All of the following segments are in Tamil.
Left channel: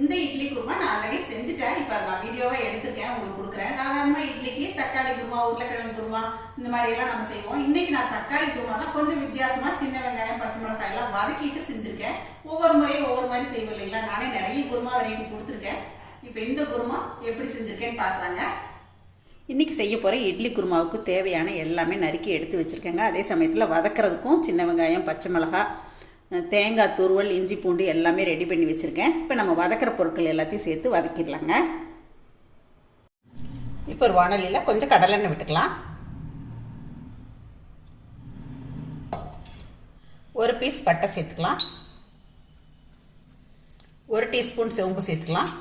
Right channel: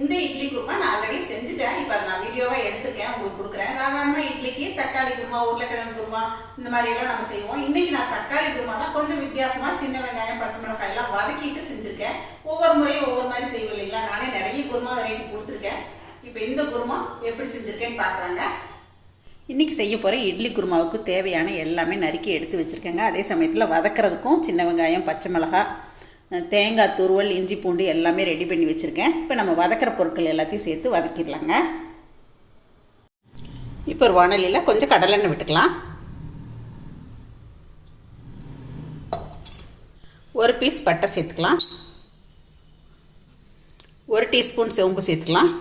இந்த இட்லி குருமா நான் ஆல்ரெடி செஞ்சுட்டேன். இப்போ நான் வீடியோவாக எடுத்துருக்கேன், உங்களுக்கு கொடுக்குறேன். சாதாரணமாக இட்லிக்கு தக்காளி குருமா, உருளைக்கிழங்கு குருமா இந்த மாதிரியெல்லாம் நம்ம செய்வோம். இன்னைக்கு நான் தக்காளி குருமா தான் கொஞ்சம் வித்தியாசமாக சின்ன வெங்காயம் பச்சை மிளகாய் எல்லாம் வதக்கிட்டு செஞ்சுருக்கேன். ஒவ்வொரு முறையும் ஒவ்வொரு மாதிரி செய்வோம் இல்லைங்களா. நானே நிறைய குருமா வெரைட்டி கொடுத்துருக்கேன். இப்போ இந்த குருமா எப்படி செஞ்சுருக்கேன்னு பார்க்குறாங்க. இன்றைக்கி செய்ய போகிற இட்லி குருமாவுக்கு தேவையான எல்லாமே நறுக்கி எடுத்து வச்சுருக்கேங்க. அதே சமயத்தில் வதக்கிறதுக்கும் சின்ன வெங்காயம் பச்சை மிளகாய் தேங்காய் துருவல் இஞ்சி பூண்டு எல்லாமே ரெடி பண்ணி வச்சுருக்கேன். இப்போ நம்ம வதக்கிற பொருட்கள் எல்லாத்தையும் சேர்த்து வதக்கிடலாங்க. இப்போ ஒரு வாணலியில் கொஞ்சம் கடலெண்ணெய் விட்டுக்கலாம். ஒரு பீஸ் பட்டை சேர்த்துக்கலாம். 1 டீஸ்பூன் சோம்பு சேர்த்துக்கலாம்.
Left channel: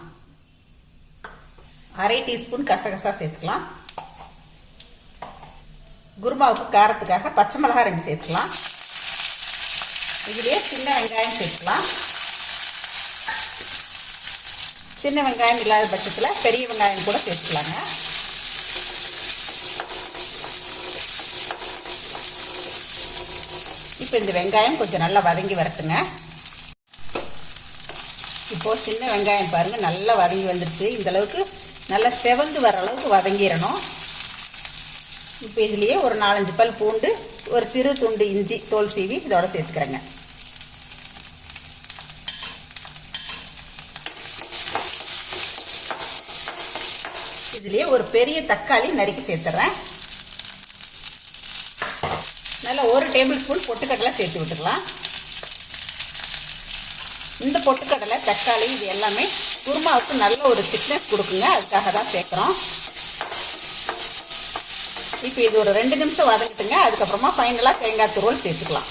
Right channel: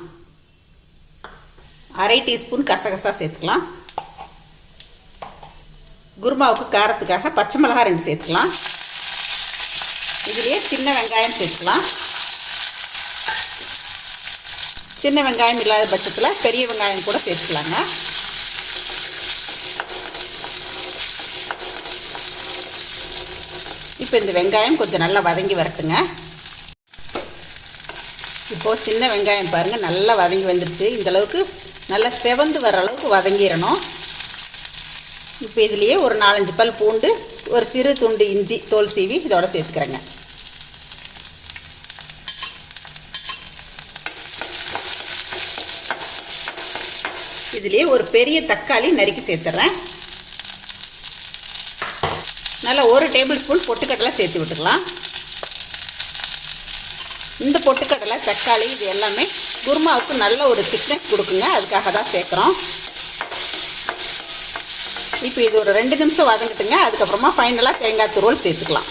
1/2 டீஸ்பூன் கசகசா சேர்த்துக்கலாம். குருமாவுக்கு காரத்துக்காக பச்சை மிளகாய் 2 சேர்த்துக்கலாம். இதிலே சின்ன வெங்காயம் சேர்த்துக்கலாம். சின்ன வெங்காயம் இல்லாத பட்சத்தில் பெரிய வெங்காயம் கூட சேர்த்துக்கலாங்க. இப்போ இந்த வெங்காயம் கொஞ்சம் நல்லா வதங்கி வரட்டுங்க. இப்போது சின்ன வெங்காயம் பாருங்கள் நல்லா வதங்கி வந்துடுச்சு. இந்தளவுக்கு நல்லா செவந்து வர அளவுக்கு வதங்கிடணும். இப்போ இதுலேயே ஒரு 4-5 பல் பூண்டு, ஒரு சிறு துண்டு இஞ்சி தோல் சீவி இதோட சேர்த்துக்கிறேங்க. இதுலேயே ஒரு பெரிய தக்காளி நறுக்கி சேர்த்துறேன். நல்லா 1 டேபிள் ஸ்பூன் பொட்டுக்கடலை சேர்த்து விட்டுக்கலாம். இந்த பொட்டுக்கடலை தக்காளி இது எல்லாமே குருமாவுக்கு நல்ல ஒரு திக்னஸ் கொடுக்குங்க, அதுக்காக தான் சேர்க்குறோம். இப்போ இது ஒரு 2 நிமிஷம் வதங்கிட்டுங்க. அதுக்கப்புறமா ஃபைனலாக தேங்காய் துருவல் சேர்த்துக்கலாம்.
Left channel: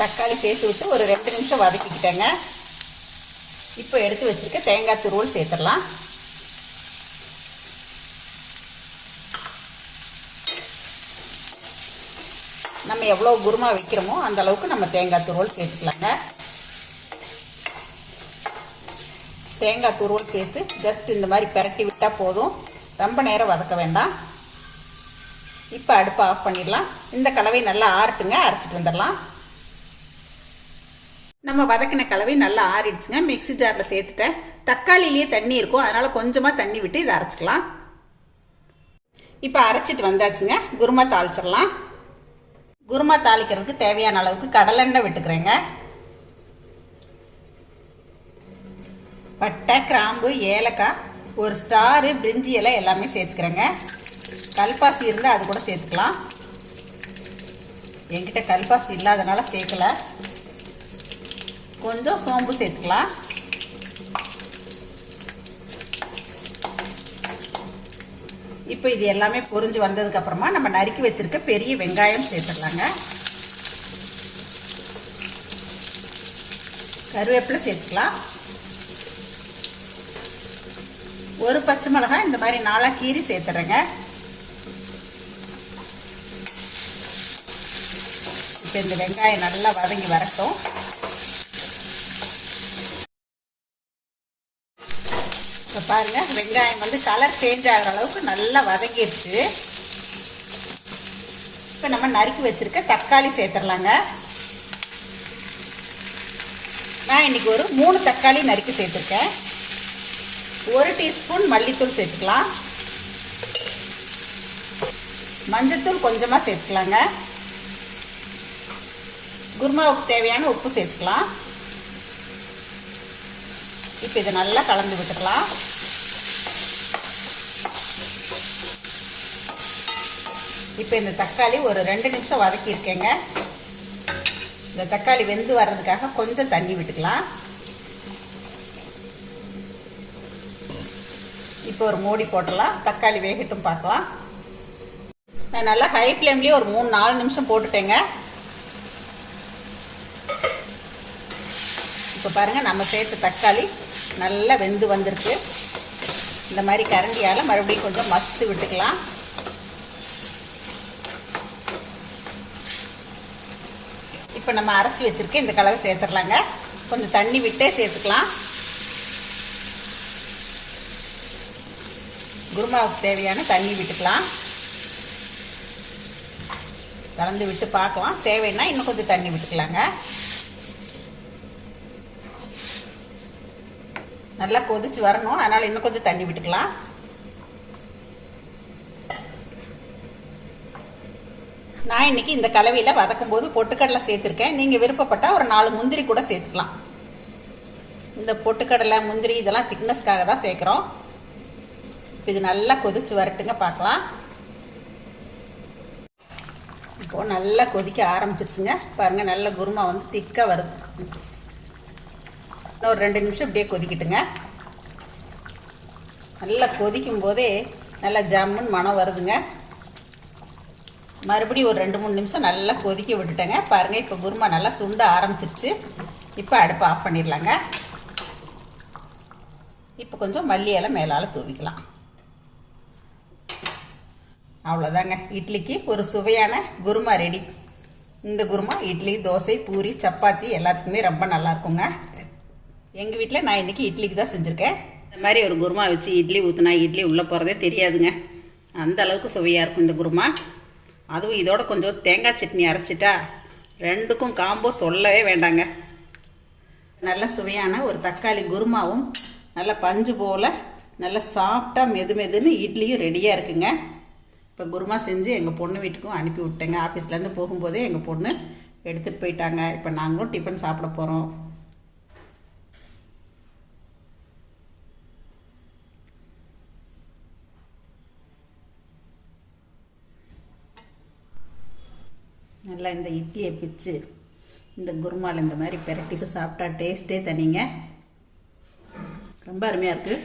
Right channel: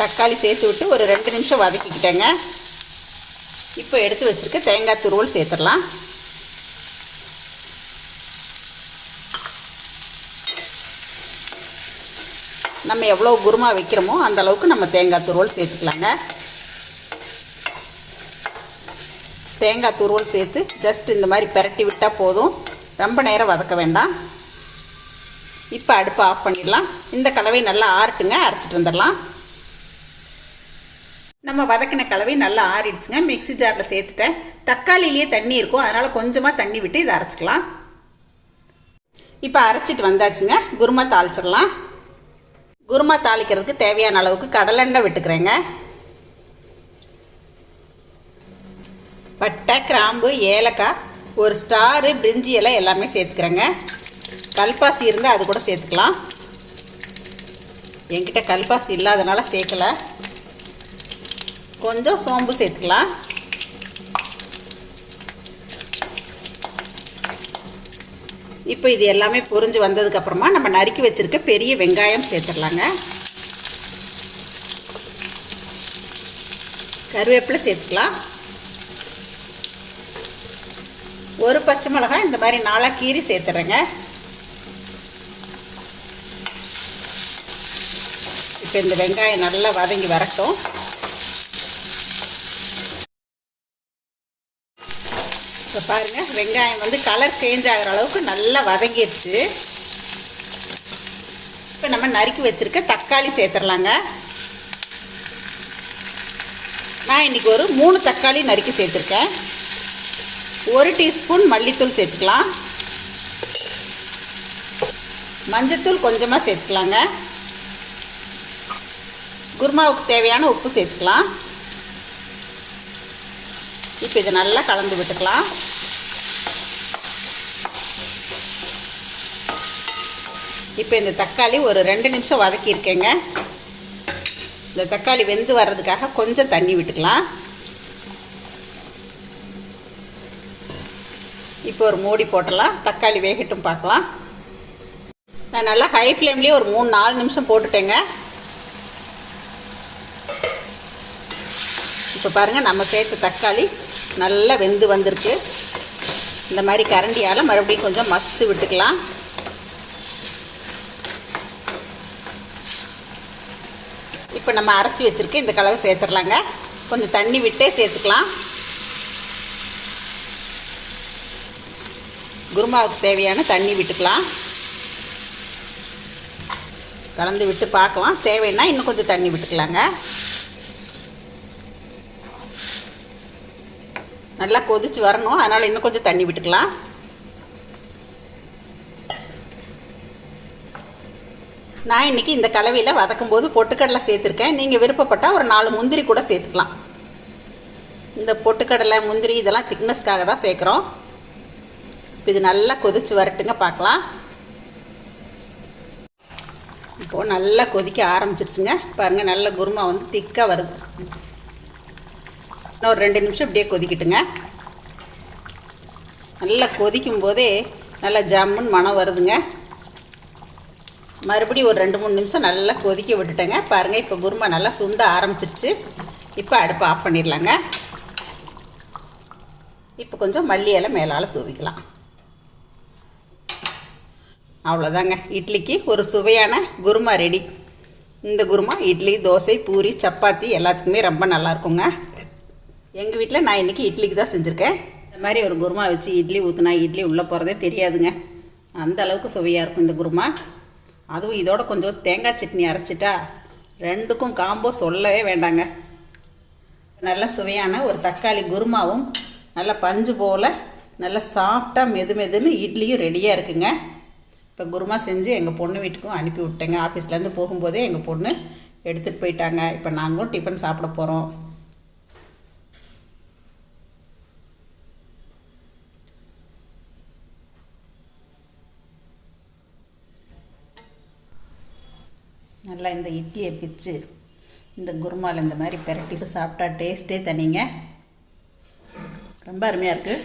தக்காளி சேர்த்து விட்டு ஒரு 2 நிமிஷம் வதக்கிக்கிட்டேங்க. இப்போ எடுத்து வச்சுருக்க தேங்காய் துருவல் சேர்த்துடலாம். நம்ம எவ்வளோ குருமா வைக்கிறோமோ அந்த அளவுக்கு நம்ம தேங்காய் துருவல் சேர்த்துக்கலாங்க. தேங்காய் துருவல் சேர்த்து ஜஸ்ட் இந்த மாதிரி பிரட்டி விட்டால் போதும், ரொம்ப நேரம் வதக்க வேண்டாம். இப்போ அடுப்பை ஆஃப் பண்ணிடலாம். இந்த கலவை நல்லா ஆறட்டுங்க, அரைச்சிட்டு வந்துடலாம். நம்ம வதக்கின கலவை நல்லா ஆறிடுச்சுங்க. மிக்ஸி ஜாரில் சேர்த்துட்டேன். தக்காளிலேயே தண்ணி இருக்கும், அதனால் கொஞ்சமாக தண்ணி விட்டு இதை அரைச்சிக்கலாம். இப்போ அரைச்சிட்டு வந்தாச்சுங்க. குருமா தாளிச்சிடலாம். குருமா தாளிக்கிறதுக்கு தேவையான அளவுக்கு கடலெண்ணெய் விட்டுக்கிறேங்க. பட்டை கிராம்பு ஏலக்காய் ஒரு ஸ்டாரு பிரிஞ்சி இலை எல்லாமே சேர்த்துக்கிறேங்க. கல்பாசி இருந்தால் அது கூட சேர்த்துக்கலாம். என்கிட்ட கல்பாசி இல்லாதனால சேர்க்கலை. கொஞ்சம் சோம்பு சேர்த்துக்கலாம். இப்போ இது எல்லாமே பொரிஞ்சு வந்ததுக்கப்புறமா நம்ம நறுக்கி வச்சுருக்க பெரிய வெங்காயம் சேர்த்துடலாங்க. கருவேப்பிலை சேர்த்துக்கலாம். ஒரு பச்சை மிளகாய் இந்த மாதிரி 4 கீரி சேர்த்துறேங்க. இப்போ இந்த வெங்காயம் நல்லா வதங்கி வரட்டும். இப்போ பாருங்கள் வெங்காயம் வந்து கலர் சேஞ்ச் ஆகிற அளவுக்கு நல்லா வதங்கிடுச்சு. இப்போ நம்ம நறுக்கி வச்சுருக்க தக்காளி சேர்த்துடலாங்க. நான் இன்றைக்கி ஒரு 3 தக்காளி நறுக்கி சேர்த்துருக்கேன். 1 டீஸ்பூன் மல்லித்தூள் சேர்த்துக்கலாம். மஞ்சத்தூள் கொஞ்சமாக சேர்த்துக்கலாங்க. குருமாவுக்கு தேவையான உப்பு சேர்த்துக்கலாம். இப்போ இதை நல்லா கலந்து விட்டுக்கலாம். இப்போ இந்த தக்காளி ஒரு 2 நிமிஷம் வதக்கியிருக்கேங்க. இந்த தக்காளி வெந்து வர்றதுக்காக கொஞ்சம் தண்ணி விட்டுக்கலாம். இப்போ ஒரு மூடி போட்டலாம். தக்காளி வேகட்டும் பார்க்கலாம். நான் நல்லா ஹை ஃப்ளேம்லேயே ஒரு 3-4 நிமிஷம் போட்டுட்டேங்க. இப்போ பாருங்கள் நம்ம சேர்த்த தக்காளி நல்லா வெந்து வந்திருக்கு. இந்த மாதிரி கரண்டியால் மறுபடியும் கொஞ்சம் மசிச்சு விட்டுக்கலாம். இப்போ நம்ம அரைச்சி வச்சுருக்க இந்த கலவை சேர்த்துடலாங்க. கொஞ்சம் தண்ணி விட்டே சேர்த்துக்கலாம். குருமாவுக்கு தேவையான தண்ணி விட்டுக்கலாம். கலந்து விட்டு பார்க்கலாம். தேவைன்னா இன்னும் கொஞ்சம் தண்ணி விட்டுக்கலாங்க. நல்லா கொதிச்சு வரணும், அதனால் இன்னும் கொஞ்சம் தண்ணி விட்டுக்கலாம். நான் இன்றைக்கி இந்த கலவையில் வதக்கும் போது பொட்டுக்கடலை சேர்த்துருக்கேன். நீங்கள் விருப்பப்பட்டால் ஒரு 4 முந்திரி கூட சேர்த்துக்கலாம். இந்த பொட்டுக்கடலை முந்திரி இதெல்லாம் திக்னஸ்க்காக தான் சேர்க்குறோம். இது நல்லா கொதிச்சு வரட்டுங்க, பார்க்கலாம். இப்போது நல்லா கொதிக்க ஆரம்பிச்சிடுச்சுங்க. பாருங்கள், நல்ல குருமா வந்து திக்காக வருது. இன்னும் ஒரு 2 நிமிஷம் இப்படியே கொதிக்கிட்டுங்க. நல்லா கொதிக்கும் போதே நல்லா ஜம்முன்னு மணம் வருதுங்க. மறுபடியும் ஒரு 2-3 நிமிஷம் நல்லா கொதிக்க விட்டுட்டேங்க. பாருங்கள், இப்போ குருமா நல்லா சுண்ட ஆரம்பிச்சிருச்சு. இப்போ அடுப்பை ஆஃப் பண்ணிடலாங்க. இப்போ கொஞ்சம் மல்லி இலை மேலால் தூவிக்கலாம். அவ்வளோதாங்க, இட்லிக்கு ஒரு சுவையான குருமா ரெடி. இந்த குருமா இட்லி, தோசை, பூரி, சப்பாத்தி எல்லாத்துக்குமே ரொம்ப நல்லாயிருக்குங்க. எங்கள் வீட்டில் நான் இன்றைக்கி இட்லிக்கு தான் செஞ்சுருக்கேன். இந்த மாதிரி ஒரு குருமா வச்சு இட்லி ஊற்றுனா இட்லி உள்ளே போகிறதே தெரியாதுங்க. அந்த அளவுக்கு சுவையாக இருக்கும் இந்த குருமா. அதுவும் இதோட கொஞ்சம் தேங்காய் சட்னி அரைச்சிட்டா 2க்கும் காம்போ சொல்லவே வேண்டாங்க. நல்ல சுவையான ஒரு தக்காளி குருமாவும் நல்ல பஞ்சு போல் நல்ல சாஃப்டாக மெதுன்னு இட்லியும் ரெடியாக இருக்குங்க. இப்போ குருமா செஞ்சு எங்கள் பொண்ணு வீட்டுக்கும் அனுப்பி விட்டேங்க. ஆஃபீஸ்லேருந்து போகும்போதே எங்கள் பொண்ணு எடுத்துகிட்டு போயிட்டாங்க. இப்போ நாங்களும் டிஃபன் சாப்பிட போகிறோம். நல்லா இந்த இட்லியை பிச்சு இந்த குருமாவில் இந்த மாதிரி பெரட்டி சாப்பிட்டா டேஸ்ட்டே தனிங்க. ரொம்ப அருமையாக இருக்குது.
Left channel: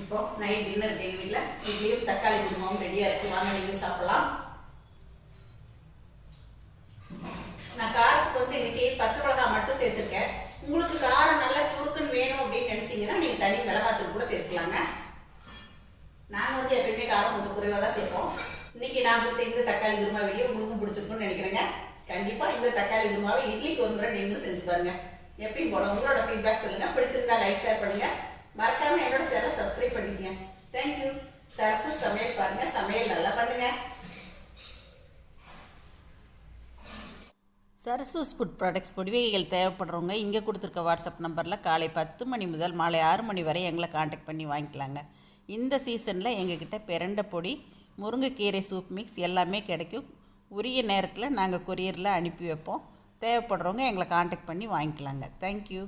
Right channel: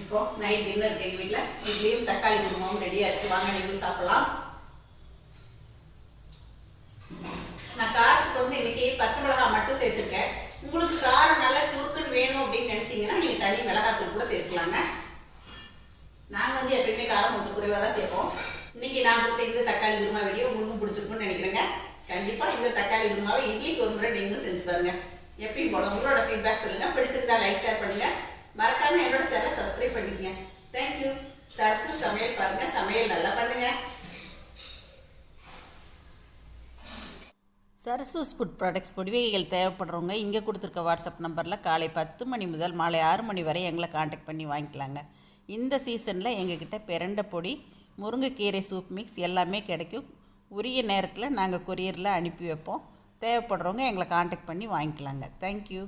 இப்போது நைட் டின்னர் இருக்குது எங்கள் வீட்டில். இட்லியும் தக்காளி குருமாவும் ரெடியாக இருக்குது. வாங்க நீங்கள் சாப்பிடலாம். நான் காரத்துக்கு வந்து இன்றைக்கி பச்சை மிளகாய் மட்டும் சேர்த்துருக்கேன். உங்களுக்கு காரம் நல்லா சுருக்குன்னு வேணும் அப்படின்னு நினச்சிங்கன்னா நீங்கள் தனி மிளகாத்தூள் கூட சேர்த்துக்கலாங்க. நாங்கள் வந்து எப்பயுமே காரம் கொஞ்சம் குறைவாக தான் சேர்ப்போம். இன்றைக்கி நான் கொடுத்த இந்த தக்காளி குருமா வீடியோ உங்களுக்கும் பிடிச்சிருக்குன்னு நினைக்கிறேங்க. கண்டிப்பாக இந்த தக்காளி குருமாவை இட்லிக்கு ஒரு முறை நீங்களும் செஞ்சு பாருங்கள். எப்பயும் போல உங்களோட ஃபீட்பேக் சொல்லுங்கள். பிடிச்சிருந்தா லைக், ஷேர் பண்ணுங்கள். மறக்காமல் என்னோட சேனலை சப்ஸ்கிரைப் பண்ணிக்கங்க. தேங்க்யூ. சரசு சமையல் பாருங்கள், சமையல் நல்லா பண்ணுங்கள். சரசூஸ் ஃபுட் ப்ராடக்ட்ஸ் பொடிவகைகள் தேவைப்படுறவங்க இங்கே கொடுத்துருக்க வாட்ஸ்அப் நம்பரில் காலை 10 மணி முதல் மாலை 6 மணி வரை எங்களை காண்டாக்ட் பண்ணி வாங்கிக்கலாங்க. இந்த சீசனில் எங்ககிட்ட பிரண்டை பொடி, முருங்கைக்கீரை சூப் மிக்ஸ் எல்லாமே கிடைக்கும். உரிய நேரத்தில் நாங்கள் கொரியரில் அனுப்பி வைப்போம். தேவைப்படுறவங்க எங்களை காண்டாக்ட் பண்ணி வாங்கிக்கலாங்க. தேங்க்யூ.